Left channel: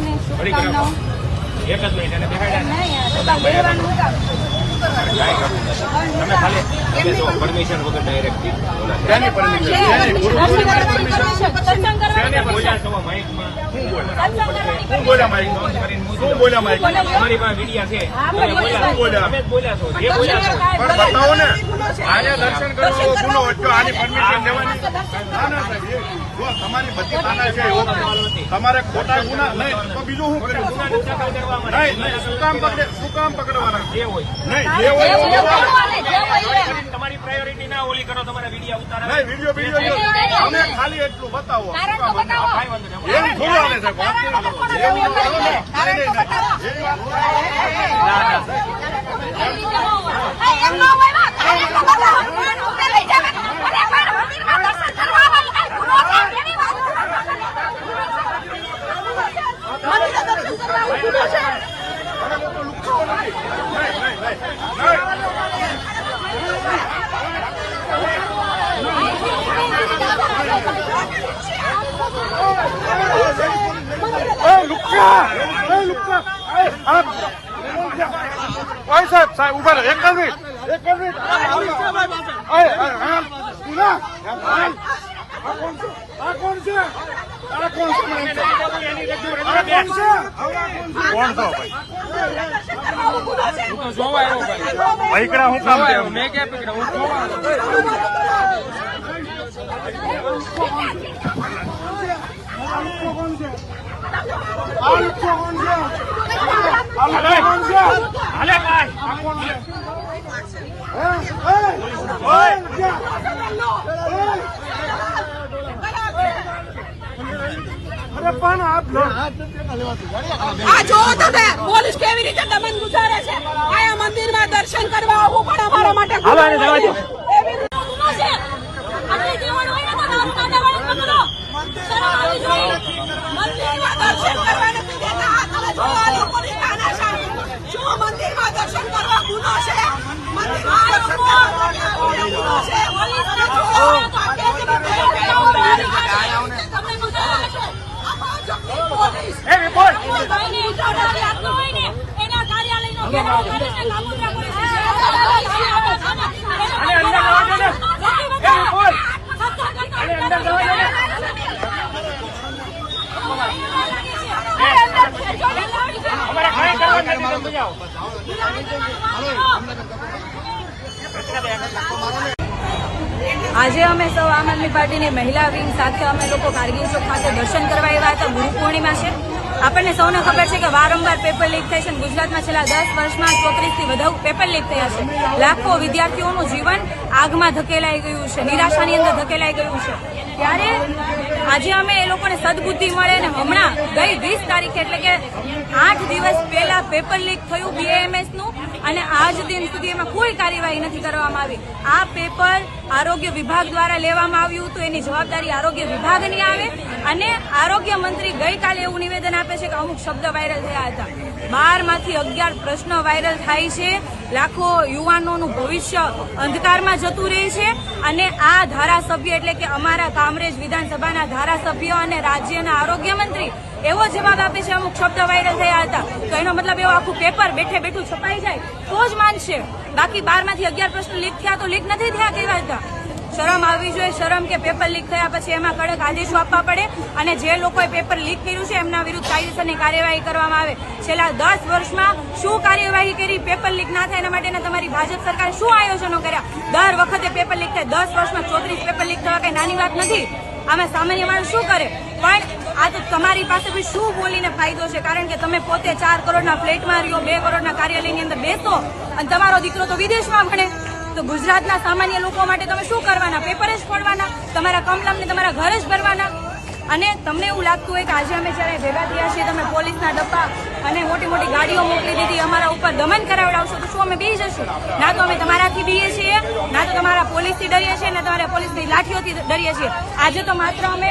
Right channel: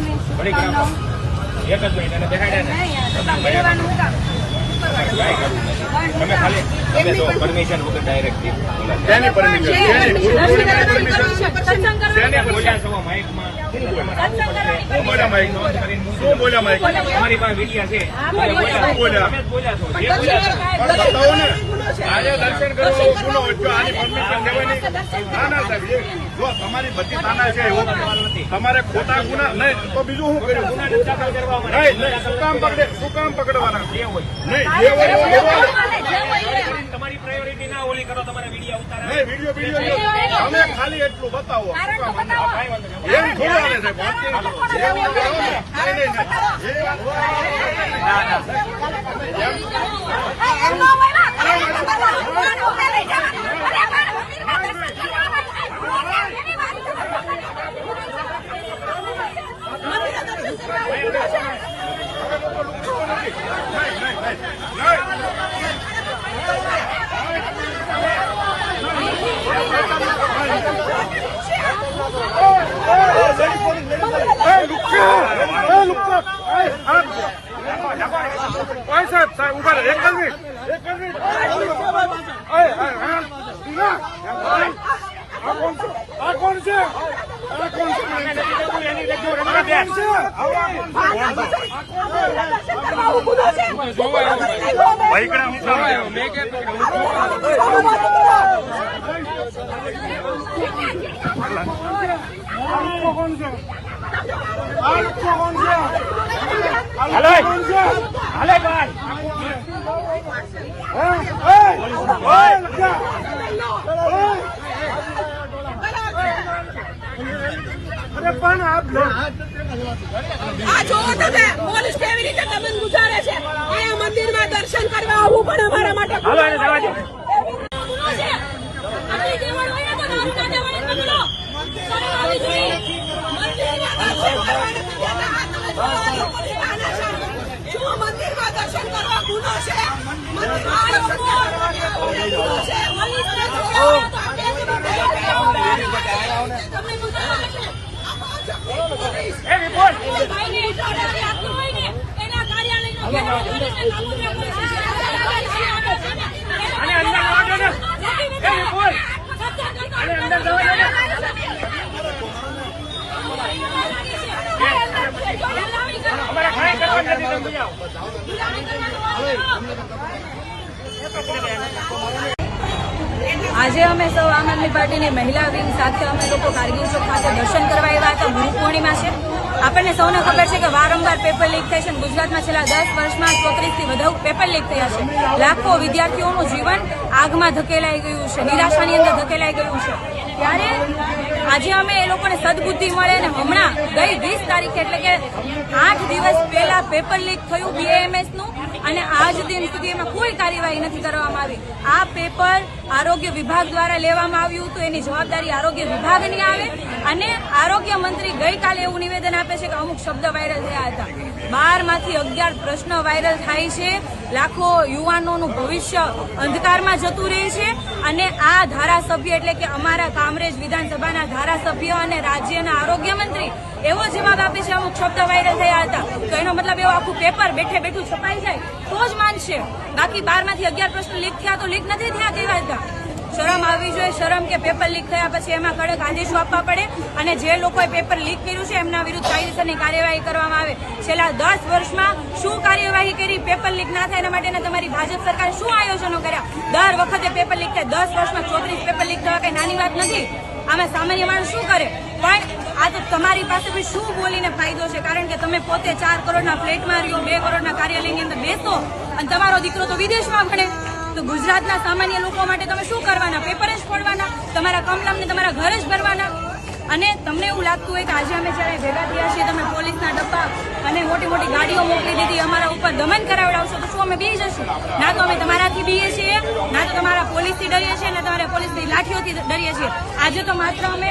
સૌને શુભકામનાઓ. એક જ મિનિટ એને બેહાડ્યા તમે ખાલી તમે તો પરમિશન વગર ડાયરેક્ટ શેની પરમિશન ગુરુ પૂર્ણિમાની પરમિશન શેની પરમિશન માઇકમાં શું બોલ્યા માઇકમાં શું બોલ્યા માઇકમાં તમારી પાસે વિડિયા છે શું બોલ્યા તમે બોલ્યા છો જે બોલ્યા છો પણ બતાવો ને આજે દર્શન કરવા ગુનો જો આની પરમિશન લેવાની ના ના સાહેબ જો તમારી બધી થાના છે તમારે ખોટા ગુના નહીં તો બીજું શું કર્યું ગુના દાખલ કરવામાં નહીં શું કામ પકડવાના જે હોય નહીં જે હોય તમારી પ્રાયોરિટી ના ઓલી કરો તમારા વિડીયો ઉતારો નહીં વિડીયો અમે ખાલી એટલું બતાવો એમ થોડું આવે છે વાત ભાઈકડા હું કામ છે હાલે ભાઈ અરે પણ આપ પોલીસ કેવી રીતે દમન ગુજારે છે. આ મંદિરમાં દર્શન કરવા આવવું પણ અમારા માટે મંદિરમાં દર્શન કરવા ગુનો છે. આજે અમે સૌ આમ આદમી પાર્ટીની મહિલા વિંગ સાથે અમે લોકો કારગિલ ચોક ખાતે દર્શન કરવા આવ્યા હતા. ગુરુ પૂર્ણિમા છે. આપણને સૌને ખબર છે કે વારંવાર પેપર લીક થાય છે. ગુજરાતમાં છેલ્લા 10 વર્ષમાં 34 થી વધુ પેપર લીક થયા છે. લાખો વિદ્યાર્થીઓનું જીવન આગમાં ધકેલાઈ ગયું છે, નિરાશાની અંદર ધકેલાઈ ગયું છે. ત્યારે આજે અમે એ લોકોને સદબુદ્ધિ મળે ને હમણાં ગઈ 20 તારીખે એટલે કે 8 દિવસ પહેલા પેપર લીક થયું BAMS નું અને આજ દિન સુધી એમાં કોઈ કાર્યવાહી નથી કરવામાં આવી. આ પેપર આરોગ્ય વિભાગ દ્વારા લેવામાં આવ્યું હતું. એની જવાબદારી આરોગ્ય વિભાગની આવે અને આરોગ્ય મંત્રી ગઈકાલે એવું નિવેદન આપે છે કે અમુક શબ્દ વાયરલ થયા હતા. 12 માંથી 11 પ્રશ્ન વાયરલ થાય છે. લાખો યુવાનોનું ભવિષ્ય અંધકારમાં જતું રહે છે અને આ ધારાસભ્ય એટલે કે અમારા કામરેજ વિધાનસભાના ધારાસભ્ય અને રાજ્યના આરોગ્ય મંત્રી એવો જવાબ આપે છે અમુક શબ્દ વાયરલ થયા હતા. તો એનો મતલબ એવો આખું પેપર બેઠે બેઠું છપાઈ જાય તો જ માનશે. બાકી 12 માંથી 11 પ્રશ્ન લીક થયા તો લીક નથી થયા કેવા હતા. શરમ આવવી જોઈએ. શરમ કે પેપર લીક થયા પછી એમાં કડક આદેશો આપવા પડે અને જે લોકોએ પેપર લીક કર્યું છે એમના વિરુદ્ધ કાયદેસરની કાર્યવાહી કરવામાં આવે. છેલ્લા 10 વર્ષમાં શું કાર્યવાહી કરી પેપર લીક ના થાય એના માટેના તમારી ભાજપ સરકારે શું આયોજનો કર્યા? દર વખતે પેપર લીક થાય. 10 વર્ષમાં 34 પેપર લીક થવા કઈ નાની વાત નથી. આમાં સામાન્ય માણસ શું કરે? પણ આ તો તમારી પાસે બી શું બોલીને ફાયદો છે? કારણ કે તમે પોતે 4 કરોડના ફ્લેટમાં રહ્યો, 2 કરોડના કાર્યાલયની અંદર બેસો અને તમારો દીકરો તો વિદેશમાં ભણે. તો ગુજરાતના સામાન્ય લોકો માટે તમે શું કરવાના? પેપર જ ફોડવાના? તમારા કમલમને તમારા ઘર જ ભરવાના? અને તમને એવું લાગતું હોય કે આજે અમે જયારે ભેગા થયા છીએ તમે પોલીસના ડબ્બા અને મોટી મોટી ગાડીઓ મોકલી દીધી, અમારા ઉપર દમન કરાવડાવશો તો શું અમે બી જશું? ના તો અમે તમારાથી બીએ છીએ, ના તો તમારા પોલીસથી ડરીએ છીએ, ના તમારા પોલીસની લાઠીઓથી ડરીએ છીએ. આજે તો માત્ર અમે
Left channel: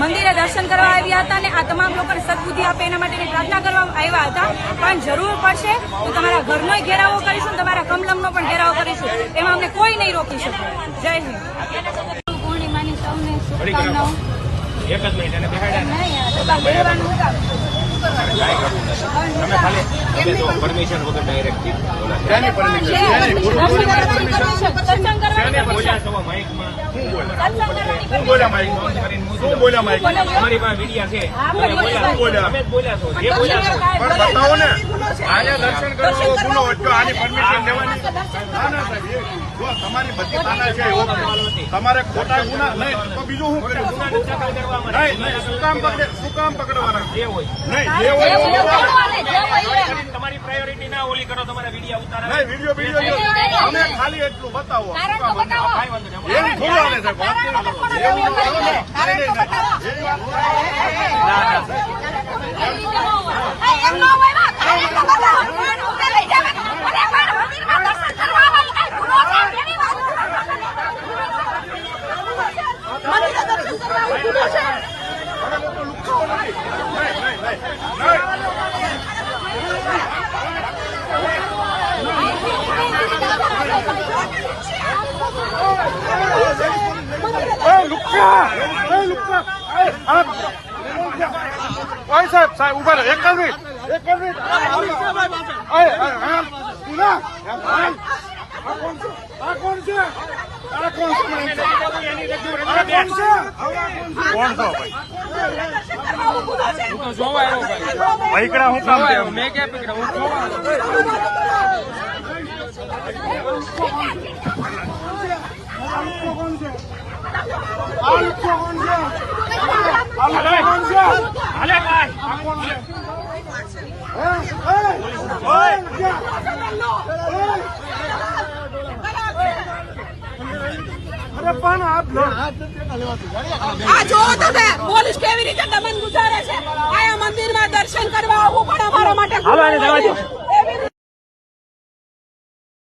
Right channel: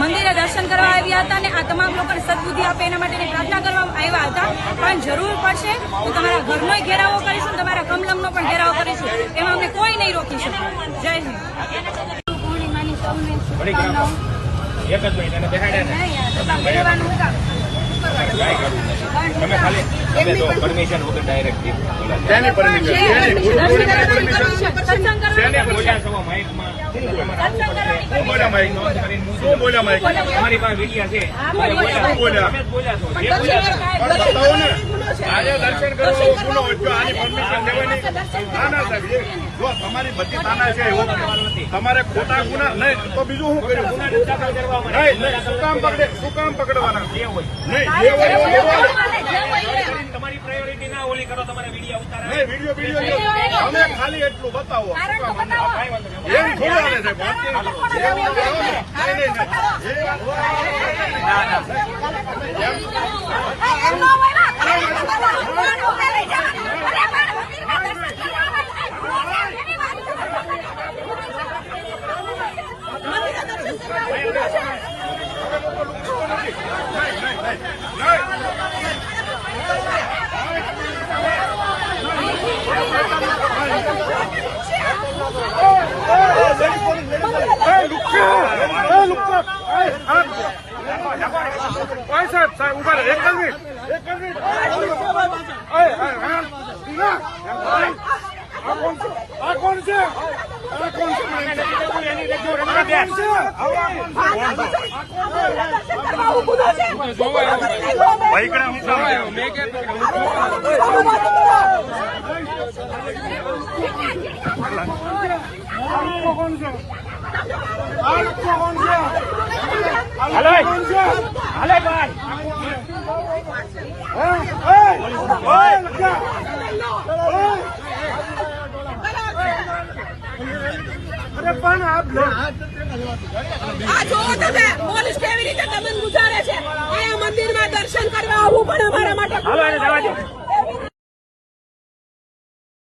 મંદિરે દર્શન કરવા આવ્યા હતા અને આ તમામ લોકોને સદબુદ્ધિ આપે એના માટેની પ્રાર્થના કરવા આવ્યા હતા. પણ જરૂર પડશે તો તમારા ઘરનો ઘેરાવો કરીશું, તમારા કમલમનો પણ ઘેરાવો કરીશું. એમાં અમને કોઈ નહીં રોકી શકે. જય હિન્દ. પૂર્ણિમાની સૌને શુભકામનાઓ. એક જ મિનિટ એને બેહાડ્યા ને તમે ખાલી તમે તો પરમિશન વગર ડાયરેક્ટ શેની પરમિશન? શેની ગુરુ પૂર્ણિમાની પરમિશન? શેની બોલ્યા છો માઇકમાં શું બોલ્યા માઇક? શું બોલ્યા માઇક? તમારી પાસે વિડિયા છે શું બોલ્યા? તમે જ બોલ્યા છો જે બોલ્યા છો પણ બતાવો ને, આજે દર્શન કરવા આવો ગુનો વચ્ચે આની પરમિશન લેવાની? ના ના સાહેબ, જો તમારી બધી તાના છે એવો તમારે ખોટા ગુના નહીં તો બીજું શું કર્યું? ગુના નથી દાખલ કરવામાં નહીં નહીં, શું કામ પકડવાના? જે હોય નહીં જે હોય એવું બોલે. કરીને તમારી પ્રાયોરિટી ના ઓલી કરો તમારા વિડિયા ઉતારે નહીં વિડીયો અમે ખાલી એટલું બતાવો. શું કામ બતાવો? એમ થોડું હાલે સાહેબ, વાત કેવી કરો? એવું ન કરો ને. નહીં, નહીં, સાહેબ ઉભા રહો. એક મિનિટ. કોણ છે? પૈકડા હું કામ છે? હાલે ભાઈ અરે પણ આપ આ જો તમે પોલીસ કેવી રીતે દમન ગુજારે છે. આ મંદિરમાં દર્શન કરવા આવવું પણ અમારા માટે હાલો એને જવા દો.